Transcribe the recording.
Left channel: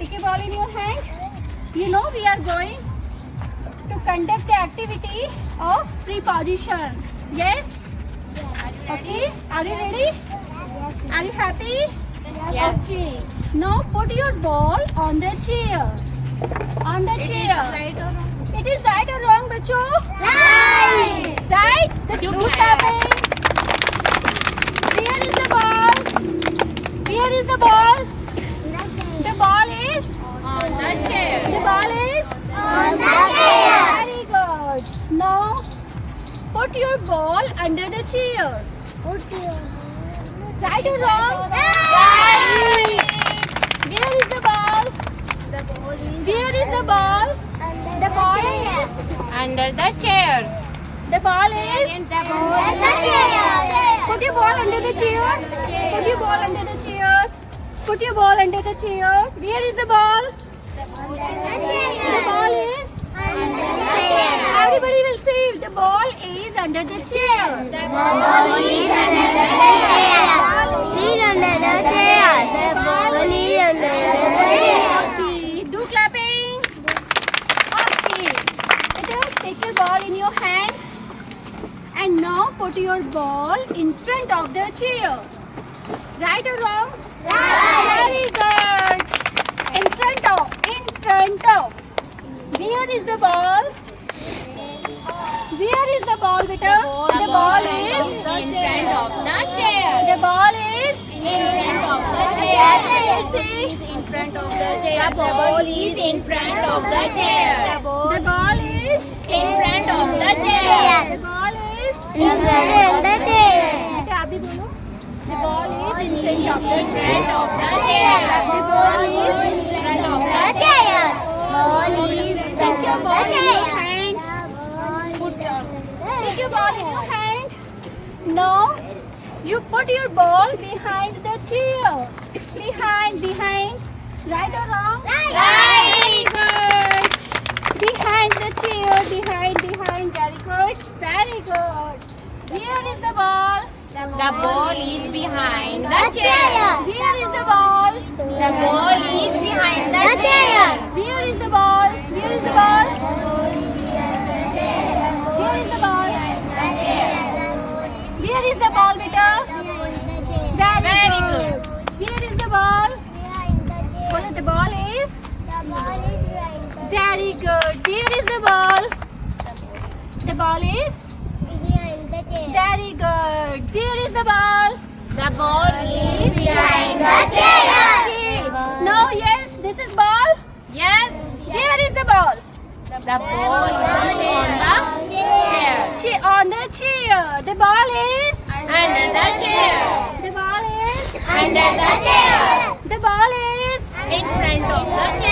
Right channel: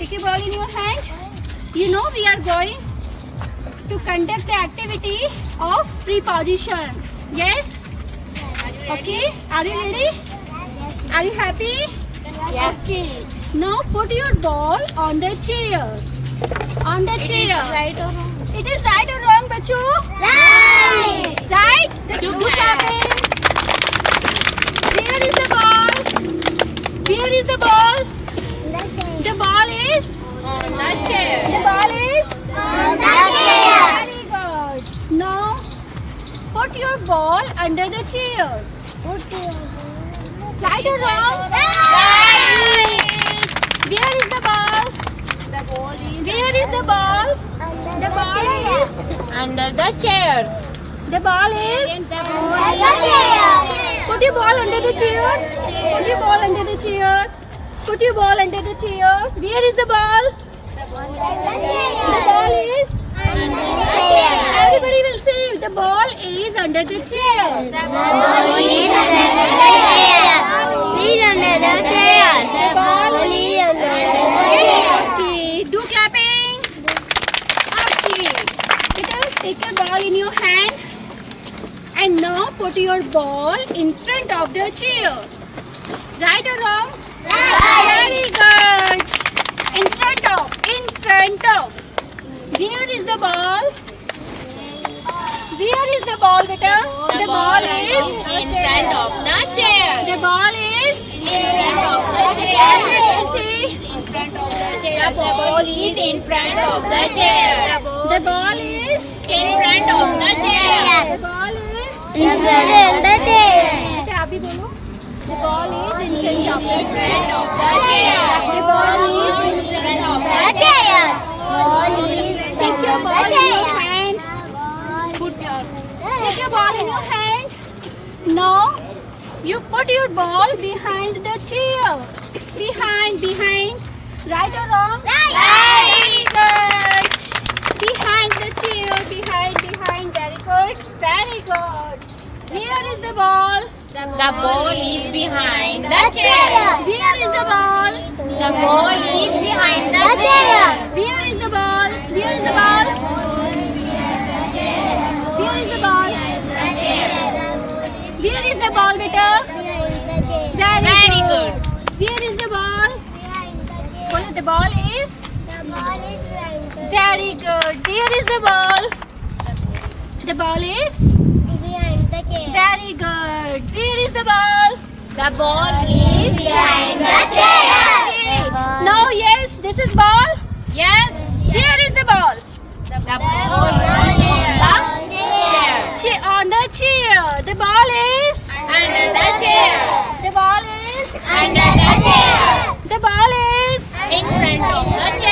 Take a ball in your hand. You know we are going to conduct the activity of preposition. Yes? Okay. Are you ready? Are you happy? Yes. Okay. Now put your ball on the chair. On the chair. Right or wrong? It is right or wrong, bacho? Right. Right? Do clapping. Where is the ball? Where is the ball? The ball is On the chair. The ball is On the chair. Very good. Now put your ball under the chair. Right or wrong? Right. Where is the ball? The ball is Where is the ball? The ball is under the chair. The ball is chair. Put your ball under the chair. Put your ball under the chair. Put your ball under the chair. Where is the ball? The ball is Everybody will say the ball is under the chair. The ball is under the chair. Is under the chair. The ball is under the chair. Okay, do clapping. Okay. Take your ball in your hand and now put your ball in front of the chair. Right or wrong? Very good. In front of. Where is the ball? Where is the ball, beta? The ball is in front of the chair. The ball is In front of the chair. See? In front of the chair. The ball is in front of the chair. The ball is In front of the chair. The ball is In front of the chair. अच्छा अभी बोलो. The ball is in front of In front of the chair. The ball is in front of the chair. Ball is Take your ball in your chair. hand. Take your ball in your hand. Now you put your ball behind the chair. Behind. Right or wrong? Right. Very good. Behind the chair. Behind. Very good. Where is the ball? The ball is behind the chair. Where is the ball? The ball is behind the chair. Where is the ball? Where is the ball? Where is the ball? Where is the ball, beta? Very good. Where is the ball? The ball is very good. Where is the ball? The ball is very good. Where is the ball? The ball is behind the chair. Okay. Now yes, this is ball. Yes. Where is the ball? The ball is on the chair. On the chair. The ball is Under the chair. The ball is Under the chair. The ball is In front of the chair.